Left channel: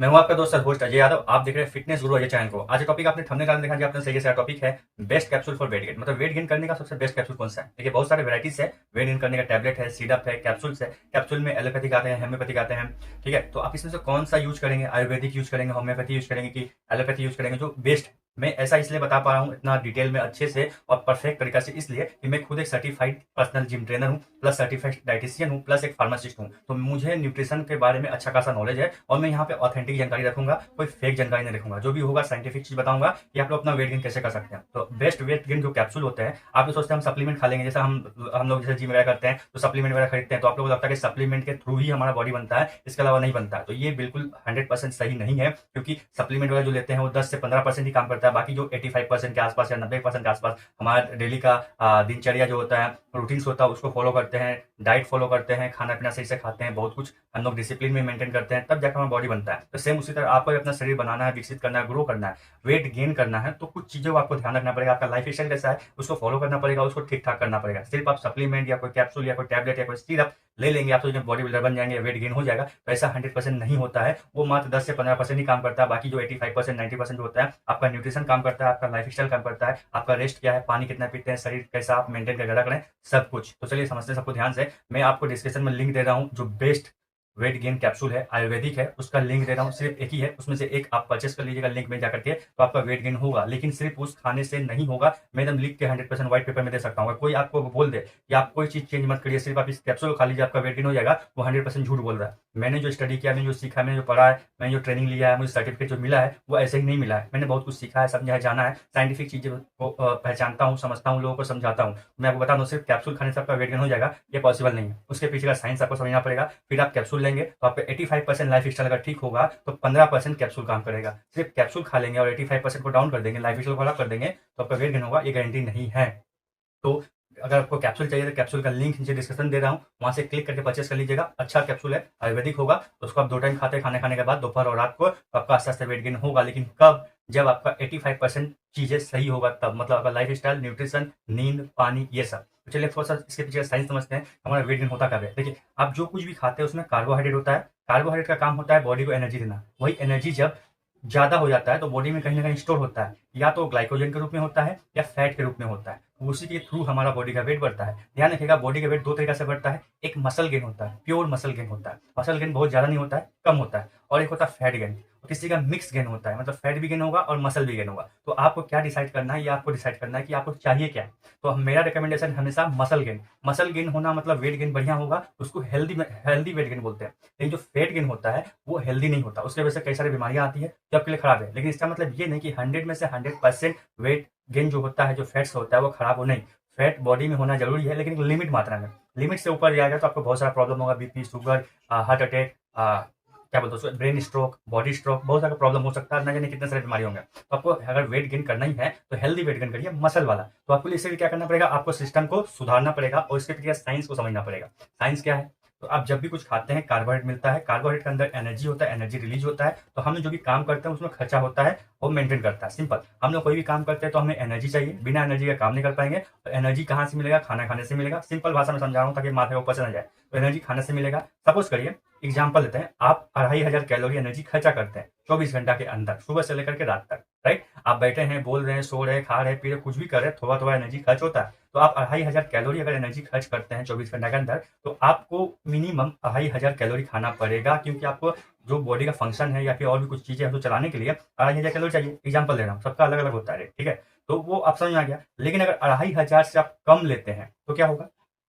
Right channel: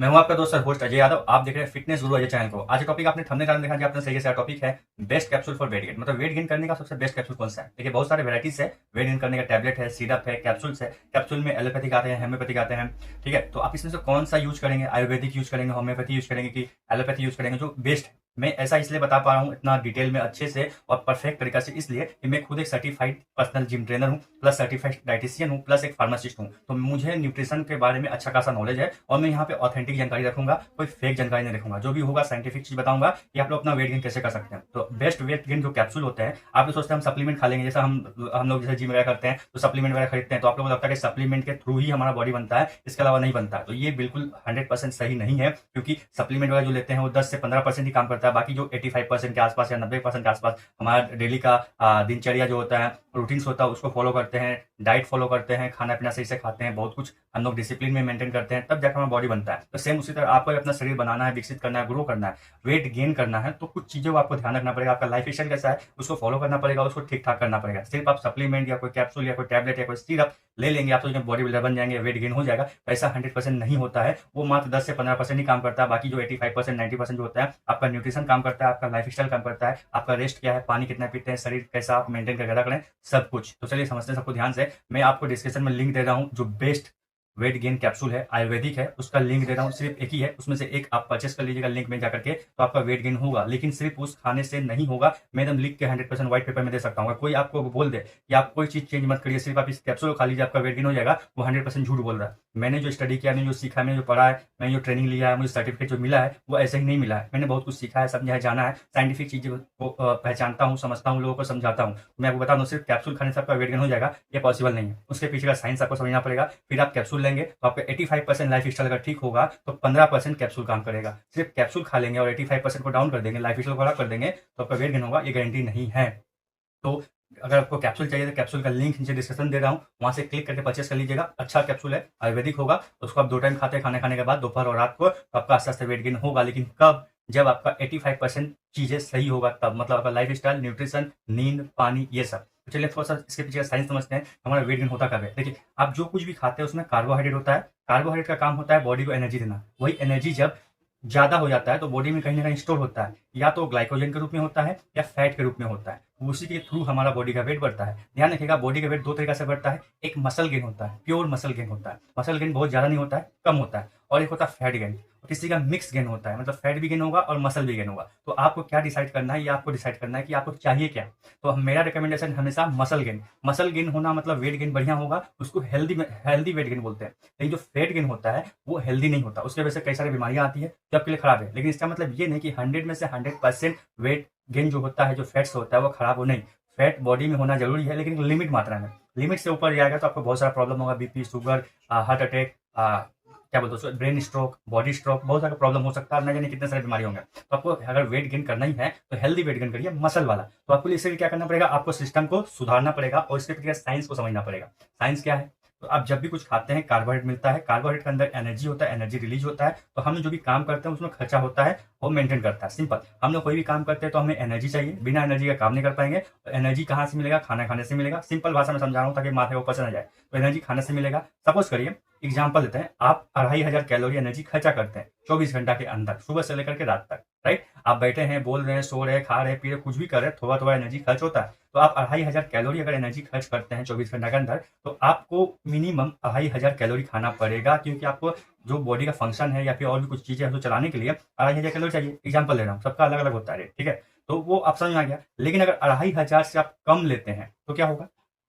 मैं हूं आपका दोस्त और होस्ट अजय यादव। आप देख रहे हैं फिटनेस गुरु अजय चैनल को। आज टॉपिक आपने थंबनेल देखा कि आपने सही से टॉपिक है best capsule for weight gain, मतलब वेट गेन करने का सबसे बेस्ट कैप्सूल कौन सा है। देखिए बहुत सारे वेराइटीज है वेट गेन करने का, टैबलेट है, सिरप है, कैप्सूल्स है। कैप्सूल में एलोपैथिक आते हैं, होम्योपैथिक आते हैं। ठीक है, तो आप इसमें से कौन सा यूज करेंगे? आयुर्वेदिक यूज करेंगे, होम्योपैथी यूज करेंगे कि एलोपैथी यूज करेंगे? जो बेस्ट, मैं ऐसा इसलिए बता पा रहा हूँ इतना डिटेल में अच्छे से और परफेक्ट तरीका से, इसलिए कि मैं खुद एक सर्टिफाइड पर्सनल जिम ट्रेनर हूँ, प्लस सर्टिफाइड डाइटिशियन हूँ, प्लस एक फार्मासिस्ट हूँ। तो मुझे न्यूट्रिशन के बारे में अच्छा खासा नॉलेज है और मैं यहाँ पे ऑथेंटिक जानकारी रखूंगा, कोई फेक जानकारी नहीं रखूंगा। जो भी होगा साइंटिफिक चीज बताऊंगा कि आप लोग अपना वेट गेन कैसे कर सकते हैं। तो बेस्ट वेट गेन जो कैप्सूल होते हैं, आप लोग सोचते हैं हम सप्लीमेंट खा लेंगे, जैसे हम लोग जैसे जिम वगैरह करते हैं तो सप्लीमेंट वगैरह खरीदते हैं, तो आप लोगों को लगता है कि सप्लीमेंट के थ्रू ही हमारा बॉडी बनता है, इसके अलावा नहीं बनता। तो ये बिल्कुल 100% सही नहीं है, क्योंकि सप्लीमेंट वगैरह जो लेते हैं वो 10 से 15% ही काम करता है। बाकी जो 85% के आसपास या 90% के आसपास हमारा डेली का दिनचर्या जो होता है, रूटीन्स होता है, उसको फॉलो करते हैं, डाइट फॉलो करते हैं, खाना पीना सही से खाते हैं, बहुत कुछ हम लोग डिसिप्लिन में मेंटेन करते हैं, तब जाकर हमारा बॉडी बनता है। तो सेम उसी तरह आपको अपना शरीर बनाना है, विकसित करना है, ग्रो करना है, वेट गेन करना है, तो कुछ चीजों को आपको ध्यान रखना पड़ेगा। आपका लाइफ स्टाइल कैसा है उसको फॉलो करना पड़ेगा, उसको ठीक ठाक करना पड़ेगा। सिर्फ आप सप्लीमेंट या कोई कैप्सूल या कोई टैबलेट या कोई सिरप ले लेंगे आप तो जब बॉडी बिल्डर बन जाएंगे, वेट गेन हो जाएगा, तो ऐसा 100% नहीं होता है। वो मात्र 10 से 15% ही काम करता है। बाकी जो 85% 90% जो होता है, आपका न्यूट्रिशन काम करता है, आपका लाइफ स्टाइल काम करता है, आपका रेस्ट क्या है, पानी कितना पीते हैं, शरीर कैसा आप मेंटेन करके रख रहे हैं, सब कुछ। तो चलिए समझते हैं सबको ध्यान से। मैं आपको डिस्क्रिप्शन में लिंक दे रहा हूँ, जो बेस्ट वेट गेन कैप्सूल है, आयुर्वेदिक है, उसका लिंक दे रहा हूँ। सिर्फ एक ही है, उसमें से एक आप परचेस कर लीजिएगा लिंक में जाकर के, तो आपका वेट गेन होगा। लेकिन सिर्फ उस खाने से नहीं होगा, मैं एकदम लिख के 100% व्हाइट पेपर में दे सकता हूँ। कोई आपको बोल दे कि आप कोई चीज चेंज मत करिए, सिर्फ आप इस कैप्सूल को खा लीजिए आपका वेट गेन हो जाएगा, वो 100% झूठ बोल रहा है। मैंने जो स्टडी किया, मैंने जो सीखा, मैंने जो पढ़ा है, मैंने जो ट्रेनिंग लिया है, मुझे सर्टिफिकेट जो मिला है, वो ऐसे ही नहीं मिला है। मैंने बहुत कुछ सीखा है, समझा है, जाना है, साइंटिफिक चीजें को पहचानता हूँ, समझता हूँ, लोगों को समझाता हूँ। मैं आपको बता दूं, सिर्फ कैप्सूल खाने से आपका वेट गेन हो जाएगा ये पॉसिबल नहीं है। उसके पीछे का साइंस आपको समझना पड़ेगा। फिर आप कैप्सूल लेंगे तो आपका 85% लाइफ स्टाइल अगर ठीक होगा तो 15% कैप्सूल काम करेगा। सिर्फ कैप्सूल खा लेंगे और 85% को डाउन कर देंगे, लाइफ स्टाइल को खराब कर देंगे, तो आपका वेट गेन होगा, ये गारंटी नहीं है। तो अगर आपको कैप्सूल चाहिए तो कैप्सूल का लिंक नीचे डिस्क्रिप्शन दे रहा हूँ, वहां से क्लिक करके परचेस कर लीजिएगा। अच्छा कैप्सूल है, आयुर्वेदिक होगा, तो उसको आप 2 टाइम खाते हैं, खाना खाने के बाद दोपहर और रात को, तो आपका आस्ते आस्ते वेट गेन होगा। लेकिन कब? जब आपका 85% चीजें सही होगा तब, मतलब आपका लाइफ स्टाइल, न्यूट्रिशन, नींद, पानी, ये सब। तो चलिए थोड़ा सा इसके पीछे का साइंस समझते हैं, हमारा वेट गेन होता कब है। देखिए, आप जो कुछ भी खाते हैं उसमें कार्बोहाइड्रेट होता है। कार्बोहाइड्रेट का काम होता है बॉडी को एनर्जी देना। वही एनर्जी जब ज्यादा हो जाता है तो बॉडी में कहीं ना कहीं स्टोर होता है, या तो ग्लाइकोजन के रूप में होता है या फैट के रूप में होता है। उसी के थ्रू हमारा बॉडी का वेट बढ़ता है। ध्यान रखिएगा, बॉडी का वेट 2 तरीका से बढ़ता है। एक मसल गेन होता है, प्योर मसल गेन होता है, मसल गेन बहुत ज्यादा नहीं होता है, कम होता है। और एक होता है फैट गेन, किसी का मिक्स गेन होता है, मतलब फैट भी गेन होगा और मसल भी गेन होगा। तो आपको क्या डिसाइड करना है, ये आपको डिसाइड करना है कि आपको चाहिए क्या। तो मेरा रिकमेंडेशन हमेशा मसल गेन। मसल गेन होना मतलब वेट गेन बढ़िया होगा, उसको हेल्दी वेट गेन बोलते हैं। लेकिन जो फैट गेन होता है वो हेल्दी नहीं होता, उसकी वजह से कई सारी बीमारियां आती है, जो आपके लिए खराब है। लेकिन इसका मतलब ये नहीं कि 100 में से 100% वेट गेन जो होता है, जो फैट्स होता है, वो खराब हो, नहीं। फैट बॉडी में होना जरूरी है, लेकिन लिमिट मात्रा में। लिमिट से ऊपर जाएगा तो आपको बहुत सारा प्रॉब्लम होगा, बीपी, शुगर, हार्ट अटैक, क्या बोलते हैं, ब्रेन स्ट्रोक, बॉडी स्ट्रोक, बहुत सारा प्रॉब्लम हो सकता है, न जाने कितने सारे बीमारी होंगे। तो आपको अगर वेट गेन करना ही है तो हेल्दी वेट गेन करिए, मसल वाला। तो आपको इसके लिए क्या करना पड़ेगा, आपको सिस्टम को सुधारना पड़ेगा और इसके पीछे साइंस को समझना पड़ेगा। साइंस क्या है? तो आप जब भी कुछ खाते हैं, कार्बोहाइड्रेट मिलता है, कार्बोहाइड्रेट के अंदर एनर्जी होता है, एनर्जी रिलीज होता है, तो हम जो भी काम करते हैं उसमें खर्चा होता है और मेंटेन करता है। सिंपल, हम लोग कोई भी काम करते हैं तो हमें एनर्जी चाहिए, बिना एनर्जी का काम नहीं कर पाएंगे। तो एनर्जी कहाँ से मिलेगा? खाना खाने से मिलेगा। सिंपल भाषा में समझा रहा हूँ ताकि माथे को पसंद आ जाए। तो एनर्जी खाने से मिलेगा। सपोज करिए, एग्जाम्पल लेते हैं, आप 2500 कैलोरी एनर्जी खर्चा करते हैं 24 घंटा के अंदर, सुबह से लेकर के रात तक, राइट। आप बैठे हैं, बोल रहे हैं, सो रहे हैं, खा रहे हैं, पी रहे, कुछ भी कर रहे हैं, थोड़ा थोड़ा एनर्जी खर्च होता है। तो आप 2500 कैलोरी अगर एनर्जी खर्च करते हैं 24 घंटा के अंदर, तो आपको मिनिमम 2500 कैलोरी खाना पड़ेगा, क्योंकि आपको जो बॉडी का फंक्शन है या फिर और भी कुछ चीजें हैं तो चलाने के लिए 2500 कैलोरी चाहिए। एग्जाम्पल ले रहा हूँ, सबका अलग अलग होता है, ठीक है। तो वो आप समझ में आ गया। लेकिन अगर 2500 से आप कम लेते हैं तो क्या होगा?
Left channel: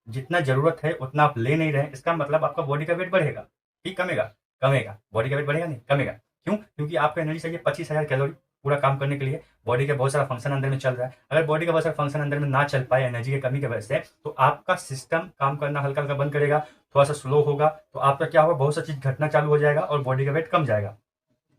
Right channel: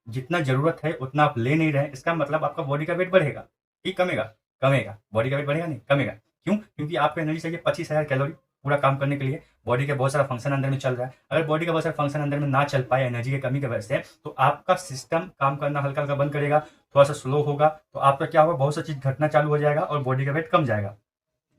जितना जरूरत है उतना आप ले नहीं रहे, इसका मतलब आपका बॉडी का वेट बढ़ेगा कि कमेगा? कमेगा। बॉडी का वेट बढ़ेगा नहीं, कमेगा। क्यों? क्योंकि आपको एनर्जी चाहिए 25,000 कैलोरी पूरा काम करने के लिए। बॉडी के बहुत सारा फंक्शन अंदर में चल रहा है, अगर बॉडी का बहुत सारा फंक्शन अंदर में ना चल पाए एनर्जी की कमी की वजह से, तो आपका सिस्टम काम करना हल्का हल्का बंद करेगा, थोड़ा सा स्लो होगा, तो आपका क्या होगा, बहुत सा चीज घटना चालू हो जाएगा और बॉडी का वेट कम जाएगा।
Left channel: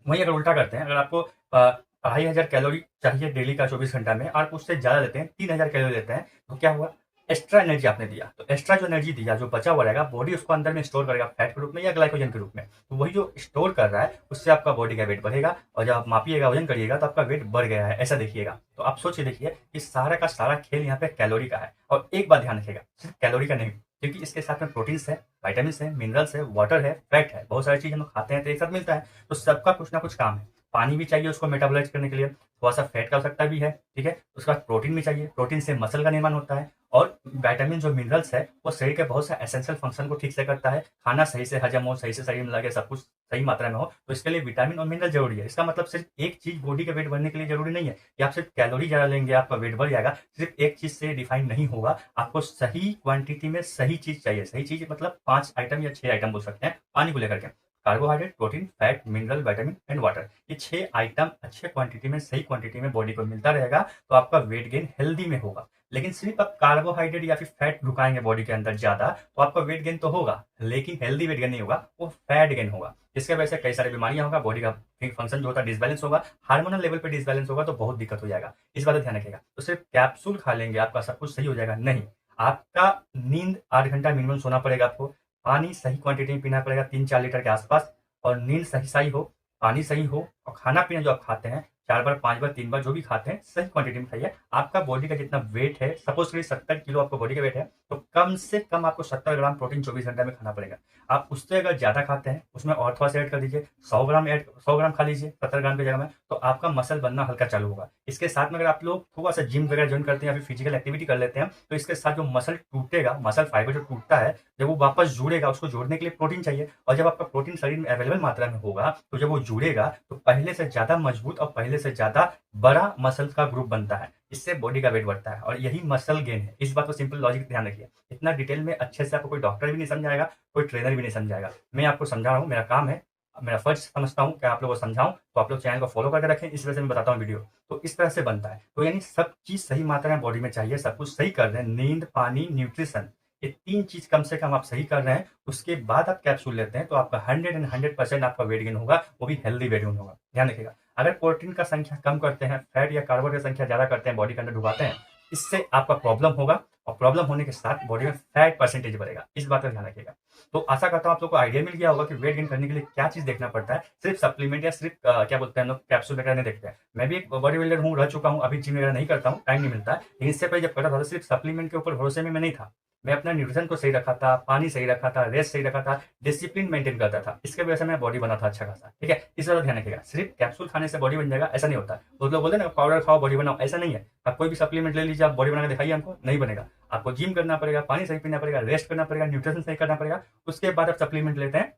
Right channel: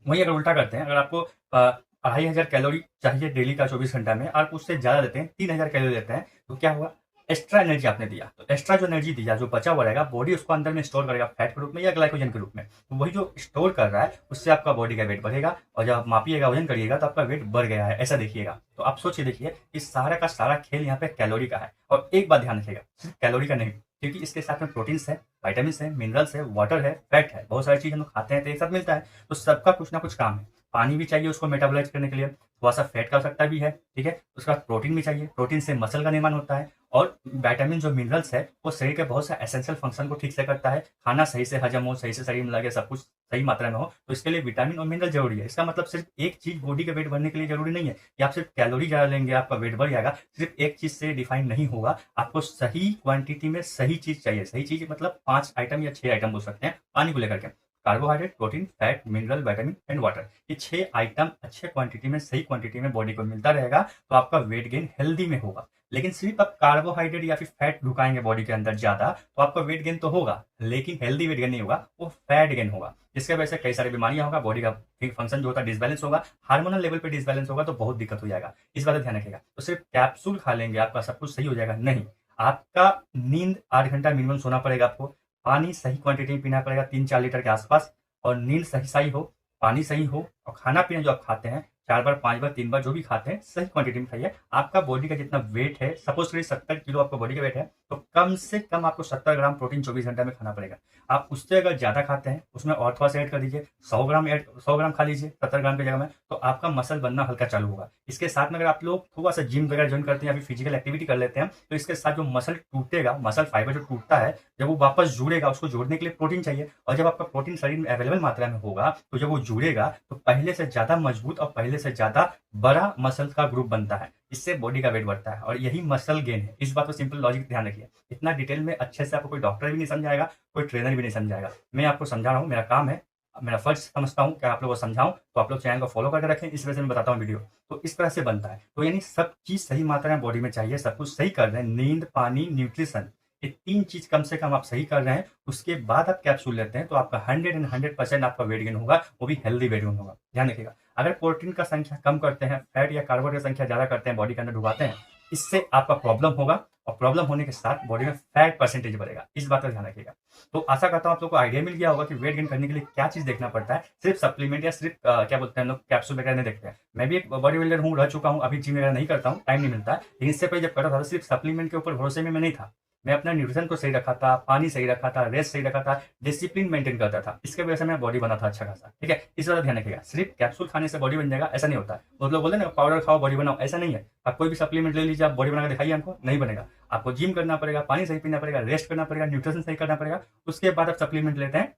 वहीं अगर उल्टा करते हैं, अगर आपको 2500 कैलोरी चाहिए डेली का 24 घंटा में, आप उससे ज्यादा लेते हैं, 3000 कैलोरी लेते हैं, तो क्या हुआ? एक्स्ट्रा एनर्जी आपने दिया, तो एक्स्ट्रा जो एनर्जी दिया, जो बचा हुआ रहेगा, बॉडी उसको अंदर में स्टोर करेगा, फैट के रूप में या ग्लाइकोजन के रूप में। तो वही जो स्टोर कर रहा है उससे आपका बॉडी का वेट बढ़ेगा, और जब आप मापिएगा, वजन करिएगा, तो आपका वेट बढ़ गया है, ऐसा देखिएगा। तो आप सोचिए, देखिए, कि सारा का सारा खेल यहाँ पे कैलोरी का है। और एक बात ध्यान रखिएगा, सिर्फ कैलोरी का नहीं, क्योंकि इसके साथ में प्रोटीन्स है, विटामिन है, मिनरल्स है, वाटर है, फैट है, बहुत सारी चीज हम लोग खाते हैं तो एक साथ मिलता है। तो सबका कुछ ना कुछ काम है। पानी भी चाहिए उसको मेटाबोलाइज करने के लिए, थोड़ा सा फैट का आवश्यकता भी है, ठीक है। उसके बाद प्रोटीन भी चाहिए, प्रोटीन से मसल का निर्माण होता है, और विटामिन जो मिनरल्स है वो शरीर के बहुत से एसेंशियल फंक्शन को ठीक से करता है। खाना सही से हजम हो, सही से शरीर में लगे, सब कुछ सही मात्रा में हो, तो इसके लिए विटामिन और मिनरल जरूरी है। इसका मतलब सिर्फ एक चीज बॉडी का वेट बढ़ने के लिए जरूरी नहीं है कि आप सिर्फ कैलोरी ज्यादा लेंगे आपका वेट बढ़ जाएगा। सिर्फ एक चीज से डिफाइन नहीं होगा, आपको सही क्वांटिटी में सही चीज चाहिए। सही चीज मतलब 5 आइटम या 6 आइटम बोल सकते हैं पानी को लेकर के। Carbohydrate, protein, fat, mineral, vitamin and water, ये 6 आइटम अच्छे क्वांटिटी में, सही क्वांटिटी में बॉडी को मिलता रहेगा तो आपका वेट गेन हेल्दी में होगा। लेकिन सिर्फ आप कार्बोहाइड्रेट या फिर फैट ढुकाएंगे बॉडी के अंदर ज्यादा, तो आपका वेट गेन तो होगा लेकिन हेल्दी वेट गेन नहीं होगा, वो फैट गेन होगा। जिसके वजह से कई सारी बीमारियां होगा, बॉडी का फंक्शन जो होता है डिसबैलेंस होगा, हार्मोनल लेवल पे डिसबैलेंस होगा, तो बहुत दिक्कत हो जाएगा। इस बात का ध्यान रखिएगा। तो सिर्फ कैप्सूल खा लेंगे आपका सब कुछ सही हो जाएगा नहीं। आपका नींद 8 घंटा मिनिमम सोना पड़ेगा आपको, पानी सही क्वांटिटी में पीना पड़ेगा 3-4 लीटर के आसपास, और नींद सही सही हो, पानी सही हो, और खाना पीना जो आप खाते हैं 4 बार 5 बार 3 बार जो भी खाते हैं सही क्वांटिटी में खाइए। आपका बॉडी का जितना वेट है, सपोज करिए 70 किलो आपका बॉडी का वेट है, तो कम से कम आपको 70 ग्राम प्रोटीन 24 घंटे में खाना पड़ेगा। आप उससे अगर ज्यादा खाते हैं उसमें और थोड़ा सा ऐड कर दीजिए, 100 ग्राम खा लीजिए 70 ग्राम की जगह में, तो आपका मसल बनना हल्का चालू होगा। इसके साथ में अगर आप लोग थोड़ा सा जिम वगैरह ज्वाइन करते हैं या फिर फिजिकल एक्टिविटी कर लेते हैं, तो इसके साथ जो मसल टूटेगा, मसल फाइबर जो टूटता है, जब वो वापस जुड़ेगा, उसको जोड़ने के लिए प्रोटीन चाहिए, और जब आपका प्रोटीन शरीर में अवेलेबल मात्रा में होगा, तो जब वो जुड़ेगा तो पहले से ज्यादा मजबूत और पहले से ज्यादा बड़ा मसल का ग्रुप बनता है। इससे बॉडी का वेट बढ़ता है और यही मसल गेन है। इस बात को सिंपल लॉजिक ध्यान रखिए। इतना डिटेल में अच्छे से आपको कोई डॉक्टर भी नहीं समझाएगा, कोई ट्रेनर भी नहीं समझाएगा। मैं आपको समझा रहा हूँ, मेरा काम है, मेरा फर्ज समझता हूँ कि आप लोगों को समझाऊं, तो आप लोग चैनल को फॉलो करके रखें। इस वजह से मैं बताता हूँ वीडियो, तो इस तरह से बनता है। तो यानी सब चीज सही मात्रा में बॉडी में चाहिए, सब कुछ सही कर रहे हैं, नींद, पानी, न्यूट्रिशन, ये 3 चीज कम से कम आप सही कर रहे हैं, उसके बाद आप कैप्सूल लेते हैं, तो आपका 100% आपका वेट गेन होगा, वो भी हेल्दी वेट गेन होगा। ध्यान रखिएगा। अगर प्रोटीन का संख्या कम करते हैं, फैट या कार्बोहाइड्रेट संख्या ज्यादा करते हैं, बॉडी के अंदर ढुकाते हैं, इससे आपका प्रॉब्लम होगा, और प्रॉब्लम होने के साथ बॉडी में फैट परसेंटेज बढ़ेगा। इस बात का ध्यान रखिएगा। तो आशा करता हूँ आप लोग को आइडिया मिल गया होगा कि वेट गेन करने के लिए क्या चीज देखना पड़ता है। सिर्फ सप्लीमेंट या सिर्फ क्या बोलते हैं हम लोग कैप्सूल वगैरह नहीं देखते हैं। मैं भी एक बॉडी बिल्डर हूँ, रह चुका हूँ, अभी जिम वगैरह नहीं करता हूँ, टाइम नहीं मिलता है। लेकिन इससे पहले जब करता था सिर्फ सप्लीमेंट के ऊपर भरोसे में मैं नहीं था। मैं अपना न्यूट्रिशन को सही रखा था, पानी सही रखा था, रेस्ट सही रखा था, डिसिप्लिन मेंटेन करता था। इसके वजह से मेरा बॉडी बना था अच्छा खासा, ठीक है। इस तरह ध्यान रखिएगा। सिर्फ कैप्सूल खाने से बॉडी बन जाएगा ऐसा नहीं होता। बहुत लोग बोलते हैं ना पाउडर खाओ बॉडी बनाओ, ऐसा नहीं है। आप कोई भी सप्लीमेंट ले लीजिए, आप बॉडी बना के दिखाइए, हमको नहीं बनेगा। आपको जिम करना पड़ेगा, पानी सही पीना पड़ेगा, रेस्ट करना पड़ेगा, न्यूट्रिशन सही करना पड़ेगा, उसके बाद आप सप्लीमेंट लेते हैं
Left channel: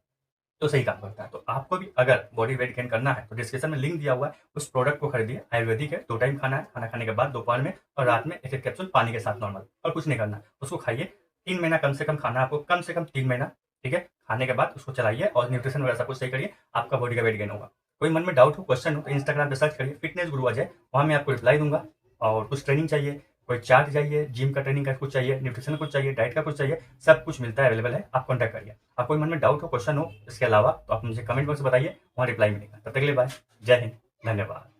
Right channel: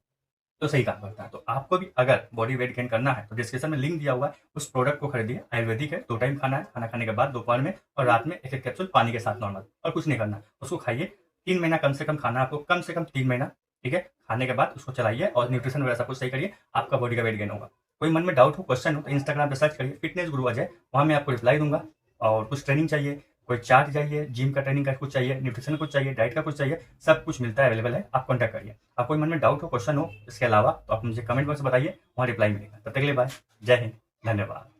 तो सही काम करता है। तो आपको भी अगर बॉडी वेट गेन करना है तो डिस्क्रिप्शन में लिंक दिया हुआ है, उस प्रोडक्ट को खरीदिए। आयुर्वेदिक है, 2 टाइम खाना है, खाना खाने के बाद दोपहर में और रात में 1-1 कैप्सूल पानी के साथ नॉर्मल, और कुछ नहीं करना। उसको खाइए, 3 महीना कम से कम खाना है आपको, कम से कम 3 महीना, ठीक है। खाने के बाद उसको चलाइए और न्यूट्रिशन वगैरह सब कुछ सही करिए, आपका बॉडी का वेट गेन होगा। कोई मन में डाउट हो, क्वेश्चन हो, तो इंस्टाग्राम पे सर्च करिए फिटनेस गुरु अजय, वहां मैं आपको रिप्लाई दूंगा। और कुछ ट्रेनिंग चाहिए, कोई चार्ट चाहिए, जिम का ट्रेनिंग का कुछ चाहिए, न्यूट्रिशन कुछ चाहिए, डाइट का कुछ चाहिए, सब कुछ मिलता है, अवेलेबल है, आप कॉन्टैक्ट करिए। आप कोई मन में डाउट हो, क्वेश्चन हो इसके अलावा, तो आप मुझे कमेंट बॉक्स में बताइए, वहाँ रिप्लाई मिलेगा। तब तक के लिए बाय, जय हिंद, धन्यवाद।